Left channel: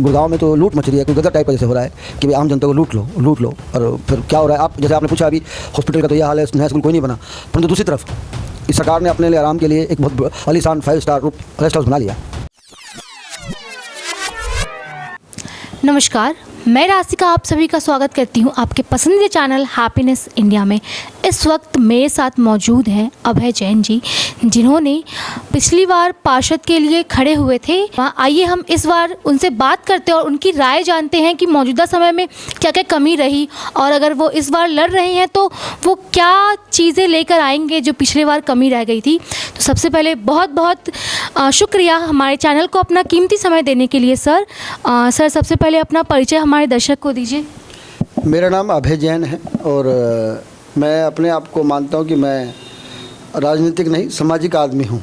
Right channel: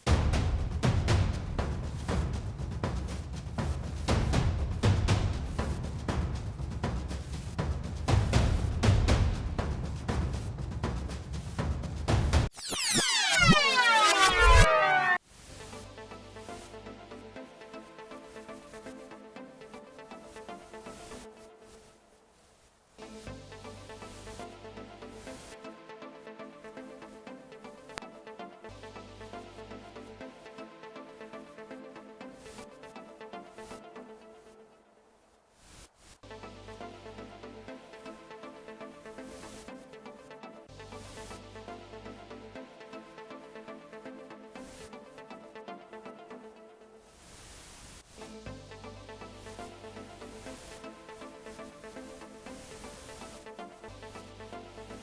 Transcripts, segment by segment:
गुड़गांव में तो लूट मच रही है, कोई गदर टाइप का जैसे हो रहा है कि भाई आम जनता को लूट लो। और फिर क्या हो रहा है, आप जैसे आपने पूछा अभी हॉस्पिटल का तो यह हाल है, नया स्कूल कोई नहीं बना, परंतु दूसरी तरफ इस सरकार ने अपने लिए आराम के लिए एक बहुत आलीशान 5 स्टार रेस्ट हाउस बना लिया। नमस्कार, मैं राशिका आप सभी का स्वागत करती हूं आपके पसंदीदा चैनल हैप्पीनेस इंडिया में। इस वक्त मेरे साथ मौजूद हैं अभय जैन जी, जिन्होंने पिछली बार पार्षद के लिए खड़े हुए थे। आइए हम इस बार उनसे बात करते हैं और उनकी राय जानते हैं कि मौजूदा समय में क्या क्या कमी रही, और अगर वो इस बार लड़ रहे हैं तो वो क्या चीज़ें लेकर आएंगे जो पिछले बार कमी रह गई थी। तो सबसे पहले बहुत बहुत शुक्रिया हमारे चैनल को अपना कीमती समय देने के लिए सर। सर, सबसे पहले अपना परिचय हमारे दर्शक को दीजिए। मेरा नाम अभय जैन है और मैं अपने आप को मानता हूं कि मैं राजनीतिक नहीं, सामाजिक आदमी हूं।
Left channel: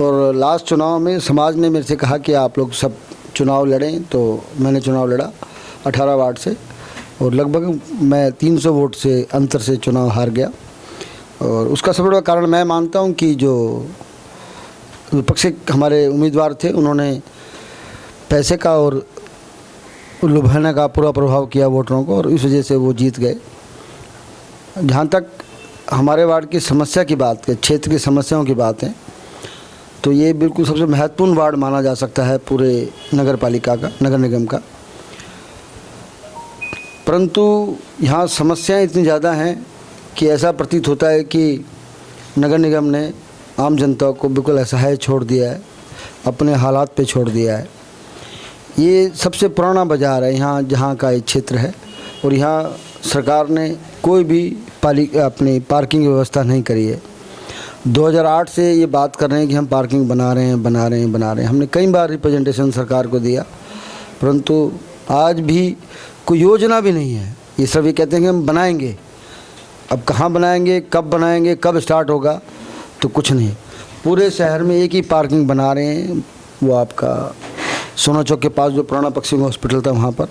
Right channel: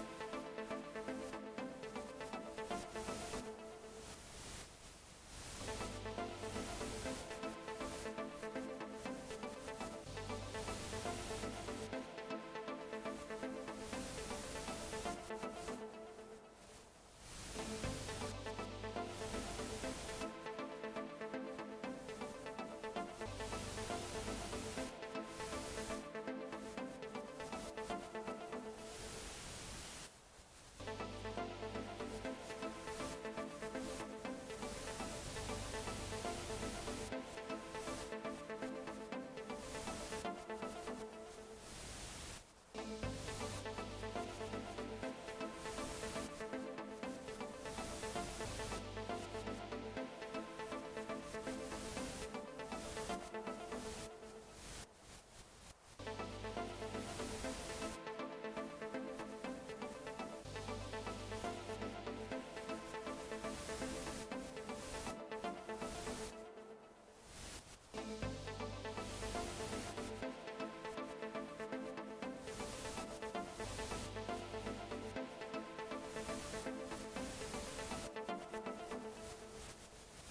और लास्ट चुनाव में समाज ने मेरे से कहा कि आप लोग सब चुनाव लड़ें, तो मैंने चुनाव लड़ा 18 वार्ड से और लगभग मैं 300 वोट से अंतर से चुनाव हार गया। और उसका सबसे बड़ा कारण मैं मानता हूं कि जो विपक्षी हमारे उम्मीदवार थे उन्होंने पैसे का और लुभाने का पूरा प्रभाव किया वोटरों को, और इस वजह से वो जीत गए। जहाँ तक हमारे वार्ड की समस्या की बात है, क्षेत्र की समस्याओं की बात है, तो ये बिल्कुल सबसे महत्वपूर्ण वार्ड माना जा सकता है पूरे नगर पालिका का, नगर निगम का। परंतु यहाँ समस्याएं इतनी ज़्यादा हैं कि ऐसा प्रतीत होता है कि नगर निगम ने आम जनता को बिल्कुल असहाय छोड़ दिया है, अपने हालात पे छोड़ दिया है। ये सबसे पुराना बाज़ार है यहाँ, जहाँ का एक क्षेत्र है, और यहाँ सरकार ने कोई भी अपनी पार्किंग की व्यवस्था नहीं करी है। 2008 से ये बात कर रहे हैं कि हम पार्किंग बना रहे हैं। हमने कई बार रिप्रेजेंटेशन सरकार को दिया, परंतु आज भी कोई योजना भी नहीं है। ये सब ये कहते हैं कि हम बनाएंगे, अब कहाँ बनाएंगे, कब स्टार्ट होगा, तो कुछ नहीं। पूरे शहर में एक ही पार्किंग बना रहे हैं, वो आपका सोना चौक के पास जो पुराना पश्चिम हॉस्पिटल था वहाँ पर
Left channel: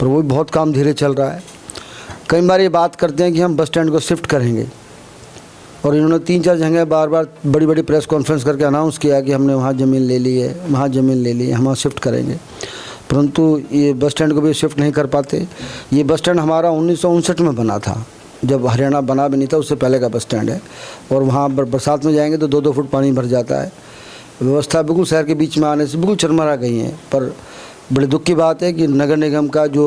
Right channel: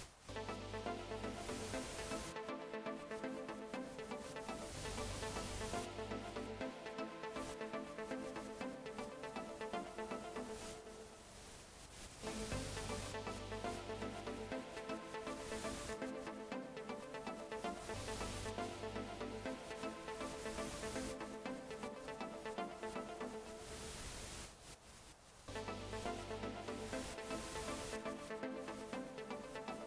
वो भी बहुत काम धीरे चल रहा है। कई बार ये बात करते हैं कि हम बस स्टैंड को शिफ्ट करेंगे, और इन्होंने 3-4 जगह बार बड़ी बड़ी प्रेस कॉन्फ्रेंस करके अनाउंस किया कि हमने वहाँ ज़मीन ले ली है, हम वहाँ शिफ्ट करेंगे, परंतु ये बस स्टैंड को भी शिफ्ट नहीं कर पाते। ये बस स्टैंड हमारा 1959 में बना था, जब हरियाणा बना भी नहीं था, उससे पहले का बस स्टैंड है। और वहाँ बरसात में जाएंगे तो 2-2 फुट पानी भर जाता है। व्यवस्था बिल्कुल शहर के बीच में आने से बिल्कुल चरमरा गई हैं। पर बड़े दुख की बात है कि नगर निगम का जो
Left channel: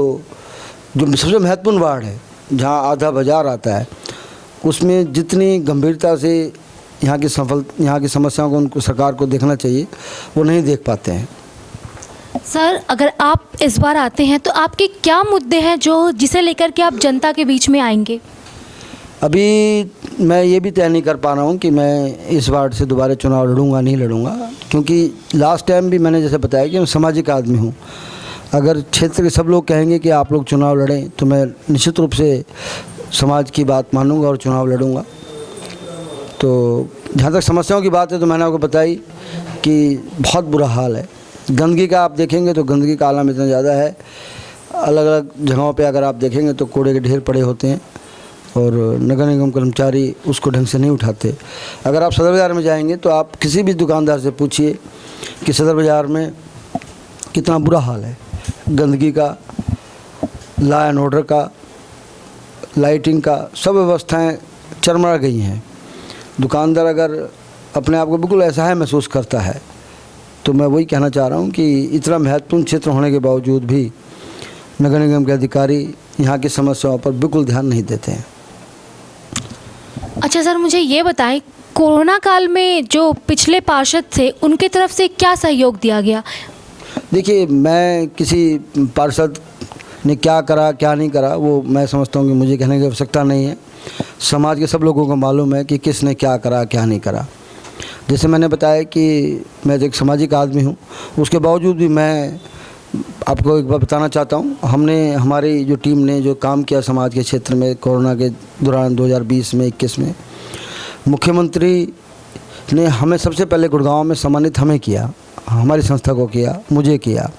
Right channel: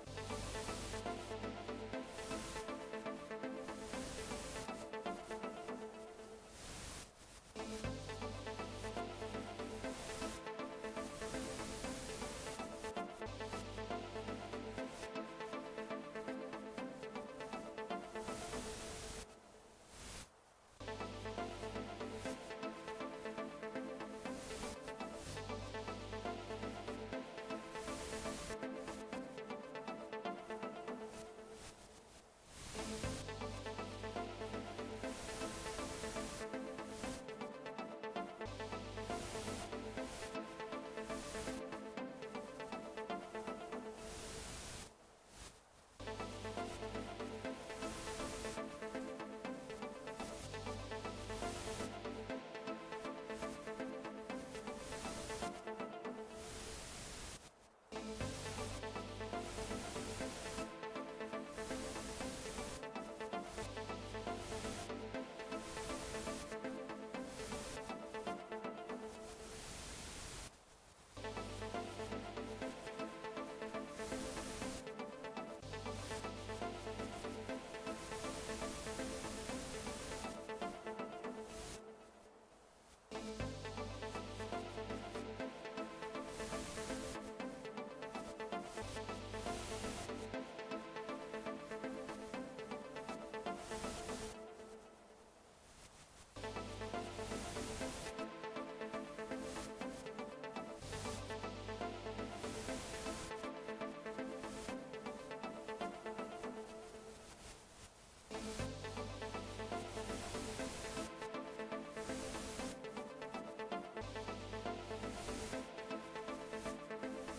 सबसे महत्वपूर्ण वार्ड है, जहाँ आधा बाजार आता है, उसमें जितनी गंभीरता से यहाँ की समस्याओं को उनको सरकार को देखना चाहिए, वो नहीं देख पाते हैं। सर, अगर आप इस बार आते हैं तो आपके क्या मुद्दे हैं जिसे लेकर के आप जनता के बीच में आएंगे? अभी मैं ये भी तय नहीं कर पा रहा हूँ कि मैं इस वार्ड से दोबारा चुनाव लड़ूंगा नहीं लड़ूंगा, क्योंकि लास्ट टाइम भी मैंने जैसे बताया कि मैं सामाजिक आदमी हूँ। अगर क्षेत्र के सब लोग कहेंगे कि आप लोग चुनाव लड़ें, तो मैं निश्चित रूप से समाज की बात मानूंगा और चुनाव लड़ूंगा। तो जहाँ तक समस्याओं की बात है, तो मैंने आपको बताई कि बहुत बुरा हाल है। गंदगी का आप देखेंगे तो गंदगी का आलम इतना ज़्यादा है, अलग अलग जगहों पे अगर आप देखेंगे तो कूड़े के ढेर पड़े होते हैं, और नगर निगम कर्मचारी उसको ढंग से नहीं उठाते। अगर आप सदर बाज़ार में जाएंगे तो आप किसी भी दुकानदार से पूछिए कि सदर बाज़ार में कितना बुरा हाल है, गंदगी का, लॉ एंड ऑर्डर का, लाइटिंग का, सब व्यवस्थाएं चरमरा गई हैं। दुकानदार अगर अपने आप को बिल्कुल असहाय महसूस करता है, तो मैं वही कहना चाह रहा हूँ कि इतना महत्वपूर्ण क्षेत्र होने के बावजूद भी नगर निगम के अधिकारी यहाँ की समस्याओं पर बिल्कुल ध्यान नहीं देते हैं। अच्छा सर, मुझे ये बताएं, कोरोना काल में जो पिछले पार्षद थे उनके तरफ से क्या सहयोग दिया गया? देखिए, मैं किसी पार्षद ने क्या करा क्या नहीं करा वो मैं समझता हूँ कि मुझे कहने की आवश्यकता नहीं है। समाज के सब लोगों को मालूम है कि किसने क्या करा क्या नहीं करा। जैसे मैंने बताया कि मैं एक सामाजिक आदमी हूँ, उसके बावजूद भी मैं आपको एक बार बताना चाहता हूँ, हमारी जो टीम ने जो काम किया समाज के क्षेत्र में कोरोना के दौरान 2020 में 21 में, मुख्यमंत्री ने हमें सबसे पहले गुड़गांव में सम्मानित हमें किया, हमारी संस्था को किया, मुझे किया।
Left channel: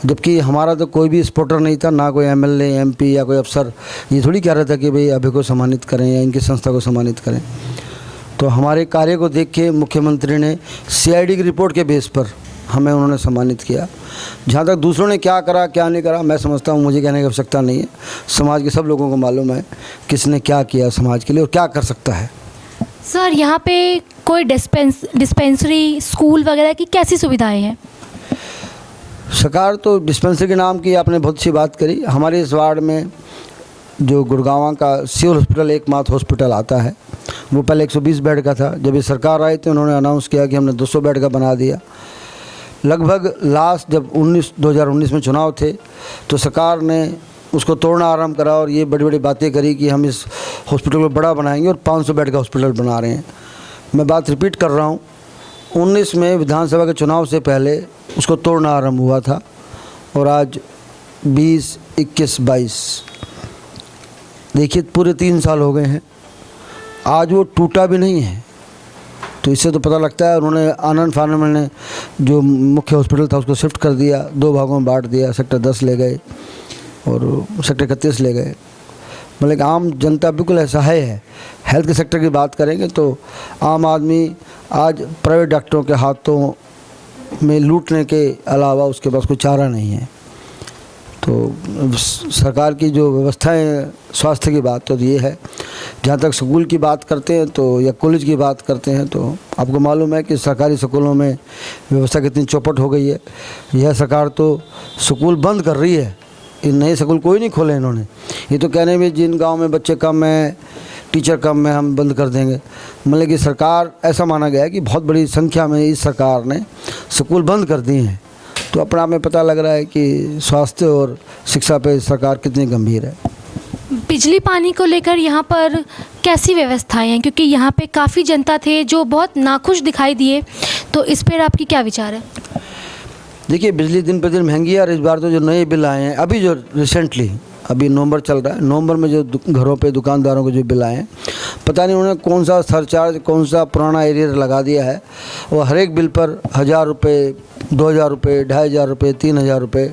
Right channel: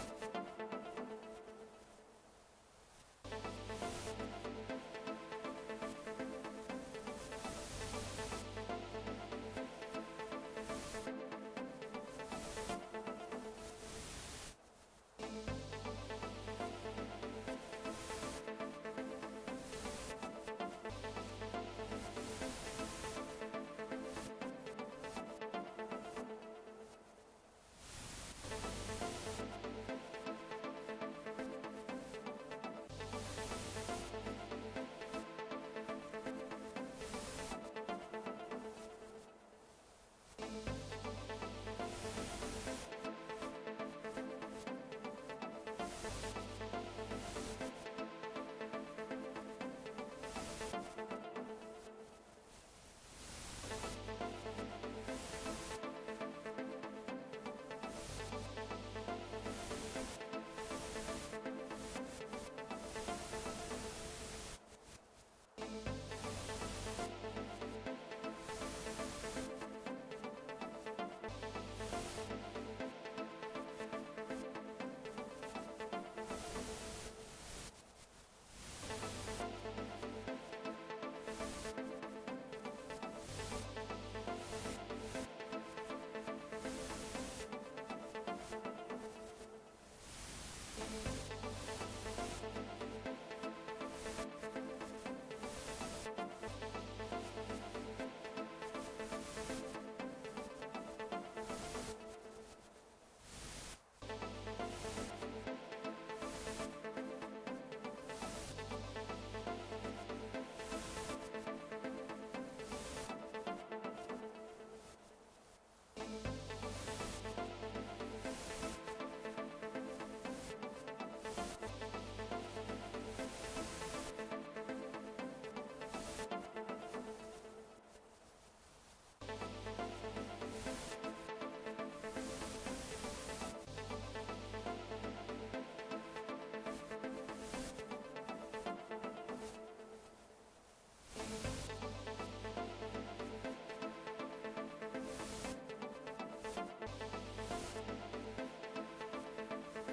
जबकि हमारा तो कोई भी सपोर्टर नहीं था, ना कोई एमएलए एमपी या कोई अफसर ये थोड़ी कह रहा था कि भाई अभी को सम्मानित करें या इनकी संस्था को सम्मानित करें। तो हमारे कार्य को देख के मुख्यमंत्री ने सीआईडी की रिपोर्ट के बेस पर हमें उन्होंने सम्मानित किया। जहाँ तक दूसरों ने क्या करा क्या नहीं करा, मैं समझता हूँ मुझे कहने की आवश्यकता नहीं है। समाज के सब लोगों को मालूम है किसने क्या किया समाज के लिए और क्या कर सकता है। सर यहाँ पे कोई डिस्पेंसरी स्कूल वगैरह की कैसी सुविधाएं हैं? सरकार तो डिस्पेंसरी के नाम की आपने बहुत सी बात करी। हमारे इस वार्ड में जो गुड़गांव का सिविल हॉस्पिटल एकमात्र हॉस्पिटल आता है, वो पहले 120 बेड का था। जब ये सरकार आई तो उन्होंने अनाउंस किया कि हमने 200 बेड का बना दिया। लगभग लास्ट जब 2019 में चुनाव थे तो सरकार ने उसको तोड़ना आरंभ करा और ये बड़ी बड़ी बातें करी कि हम इस हॉस्पिटल को बड़ा बनाएंगे और 500 बेड का हॉस्पिटल बना रहे हैं। मैं बात रिपीट कर रहा हूँ, 19 में विधानसभा के चुनाव से पहले उसको तोड़ना आरंभ हुआ था और आज 20, 21, 22 देखिए पूरे 3 साल हो गए हैं, आज वो टूटा भी नहीं है। तो इससे तो पता लगता है उन्होंने आनंद फानन में जो मुख्य हॉस्पिटल था उसको शिफ्ट कर दिया, 2 भागों में बांट दिया। सेक्टर 10 ले गए और सेक्टर 31 ले गए। मतलब आम जनता बिल्कुल असहाय है। हेल्थ के सेक्टर की बात करेंगे तो आम आदमी आज प्राइवेट डॉक्टरों के हाथों में लूटने के अलावा उसके पास कोई चारा नहीं है। तो सरकार की जो व्यवस्थाएं स्वास्थ्य की बात तो ये है। जहाँ तक स्कूल की बात करते हैं तो या कॉलेज की बात करते हैं तो आपको मालूम है कि सरकारी स्कूलों में व्यवस्था कितनी चौपट हो गई है। यह सरकार तो स्कूल बंद कर रही है, इन नए स्कूल कोई नहीं खोले इन्होंने। ये तो कहने में जिन गांव में बच्चे कम हैं, टीचर कम है, हम बंद कर देंगे। मतलब कि सरकार ऐसा माना गया है कि बहुत बड़ी संख्या में इस सरकार ने स्कूल बंद कर दिए हैं। तो अपने आप में पता लग रहा है कि स्वास्थ्य और शिक्षा पे सरकार कितनी गंभीर है। बिजली पानी को लेकर यहाँ पर कैसी व्यवस्थाएं हैं? क्योंकि यहाँ पे काफ़ी जनता थे जो बहुत नाखुश दिखाई दिए, तो इस पर आपकी क्या विचार है? देखिए बिजली दिन पर दिन महंगी है और इस बार तो जो नए बिल आए हैं, अभी जो रिसेंटली अभी नवंबर चल रहा है, नवंबर में जो घरों पे दुकानदारों को जो बिल आए हैं, पता नहीं उन्होंने कौन सा सरचार्ज कौन सा पुराना एरियर लगा दिया है। वो हर एक बिल पर 1000 रुपये, 2000 रुपये, 2500 रुपये, 3000 रुपये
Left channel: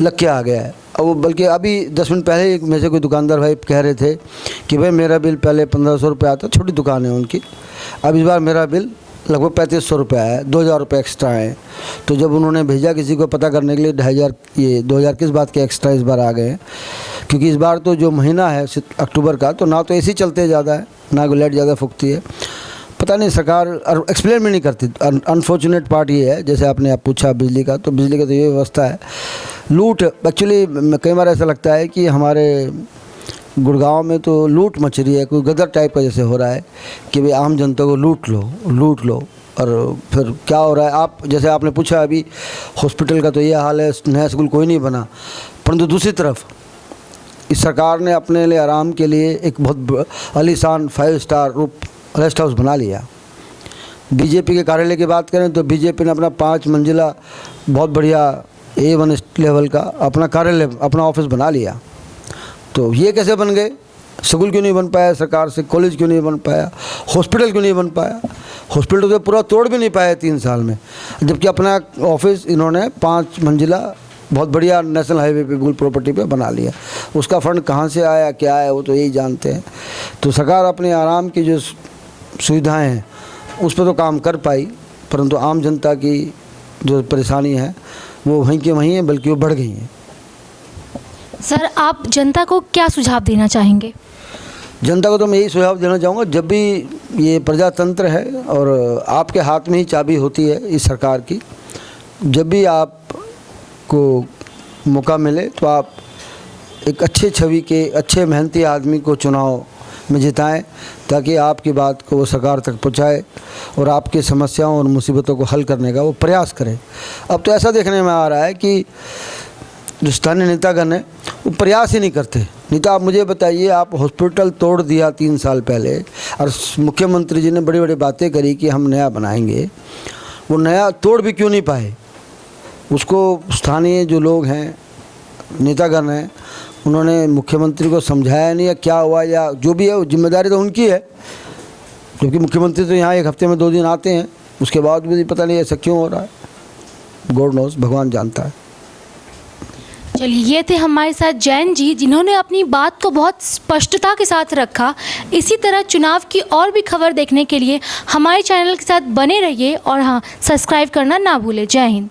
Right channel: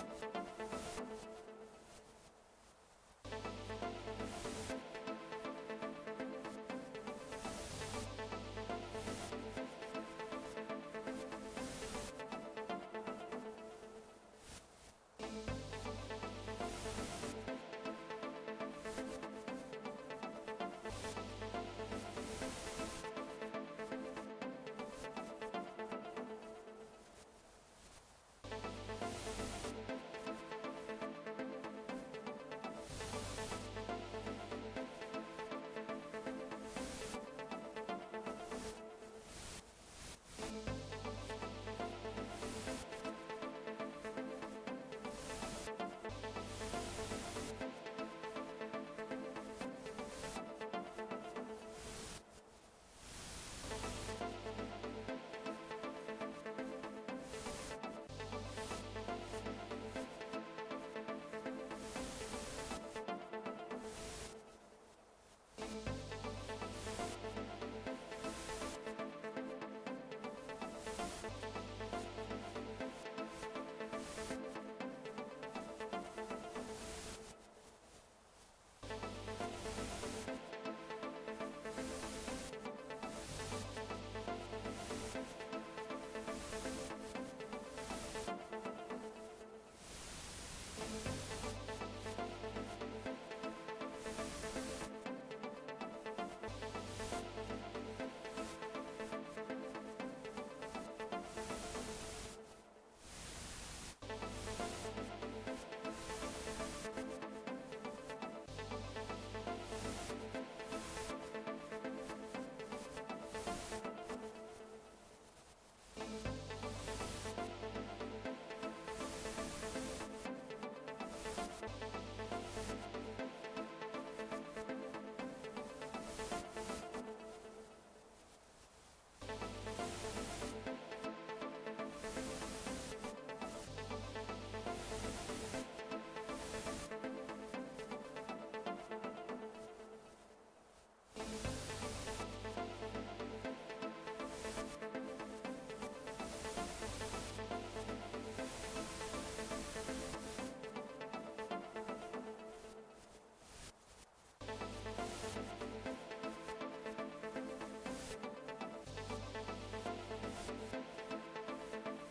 लग के आ गया है। और वो बल्कि अभी 10 मिनट पहले एक में से कोई दुकानदार भाई कह रहे थे कि भाई मेरा बिल पहले 1500 रुपये आता, छोटी दुकान है उनकी, अब इस बार मेरा बिल लगभग 3500 रुपये आया है, 2000 रुपये एक्स्ट्रा आए। तो जब उन्होंने भेजा किसी को पता करने के लिए 2000 किस बात के एक्स्ट्रा इस बार आ गए हैं, क्योंकि इस बार तो जो महीना है अक्टूबर का, तो ना तो एसी चलते ज़्यादा है ना कोई लाइट ज़्यादा फूकती है। पता नहीं सरकार एक्सप्लेन भी नहीं करती। अनफॉर्चुनेट पार्ट ये है, जैसे आपने आप पूछा बिजली का, तो बिजली का तो ये व्यवस्था है लूट। एक्चुअली कई बार ऐसा लगता है कि हमारे गुड़गांव में तो लूट मच रही है, कोई गदर टाइप का जैसे हो रहा है कि भाई आम जनता को लूट लो। और फिर क्या हो रहा है, आप जैसे आपने पूछा अभी हॉस्पिटल का तो ये हाल है, नया स्कूल कोई नहीं बना। परंतु दूसरी तरफ इस सरकार ने अपने लिए आराम के लिए एक बहुत आलीशान 5 स्टार रेस्ट हाउस बना लिया। बीजेपी के कार्यालय की बात करें तो बीजेपी ने अपना 5 मंजिला बहुत बढ़िया A1 लेवल का अपना कार्यालय, अपना ऑफिस बना लिया। तो ये कैसे बन गए? स्कूल क्यों नहीं बन पाया सरकार से? कॉलेज क्यों नहीं बन पाया? हॉस्पिटल क्यों नहीं बन पाया? हॉस्पिटल तो पूरा तोड़ भी नहीं पाया 3 साल में, जबकि अपना ऑफिस इन्होंने 5 मंजिला बहुत बढ़िया नेशनल हाईवे पे बिल्कुल प्रॉपर्टी पे बना लिया। उसका फंड कहाँ से आया क्या है वो तो यही जानते हैं। तो सरकार अपने आराम की जो सुविधाएं हैं उस पर तो काम कर पाई, परंतु आम जनता की जो परेशानी है वो वहीं की वहीं है, बल्कि वो बढ़ गई हैं। सर आप जनता को क्या सुझाव देना चाहेंगे? जनता को तो मैं यही सुझाव देना चाहूँगा, जब भी ये प्रजातंत्र है और आपके हाथ में ही चाबी होती है इस सरकार की, जब भी आपको मौका मिले तो आप एक अच्छे छवि के अच्छे मेहनती आदमी को चुनाव में जिताएं, ताकि आपकी बात को वो सरकार तक पहुंचाए और आपकी समस्याओं और मुसीबतों को हल करने का वो प्रयास करें। अब तो ऐसा देखने में आ रहा है कि जो स्थानीय नेतागण हैं वो प्रयास ही नहीं करते। नहीं तो आप मुझे बताइए, आप हॉस्पिटल तोड़ दिया 3 साल पहले और मुख्यमंत्री जी ने बड़ी बड़ी बातें करी कि हम नया बनाएंगे, वो नया तोड़ भी क्यों नहीं पाए? उसको स्थानीय जो लोग हैं, नेतागण हैं, उन्होंने मुख्यमंत्री को समझाया नहीं, या क्या हुआ या जो भी है वो जिम्मेदारी तो उनकी है। क्योंकि मुख्यमंत्री तो यहाँ 1 हफ्ते में 2 दिन आते हैं, उसके बाद भी पता नहीं ऐसा क्यों हो रहा है। गॉड नोस, भगवान जानता है। चलिए, ये थे हमारे साथ जैन जी, जिन्होंने अपनी बात को बहुत स्पष्टता के साथ रखा। इसी तरह चुनाव की और भी खबर देखने के लिए हमारे चैनल के साथ बने रहिए और हाँ, सब्सक्राइब करना ना भूलें। जय हिंद।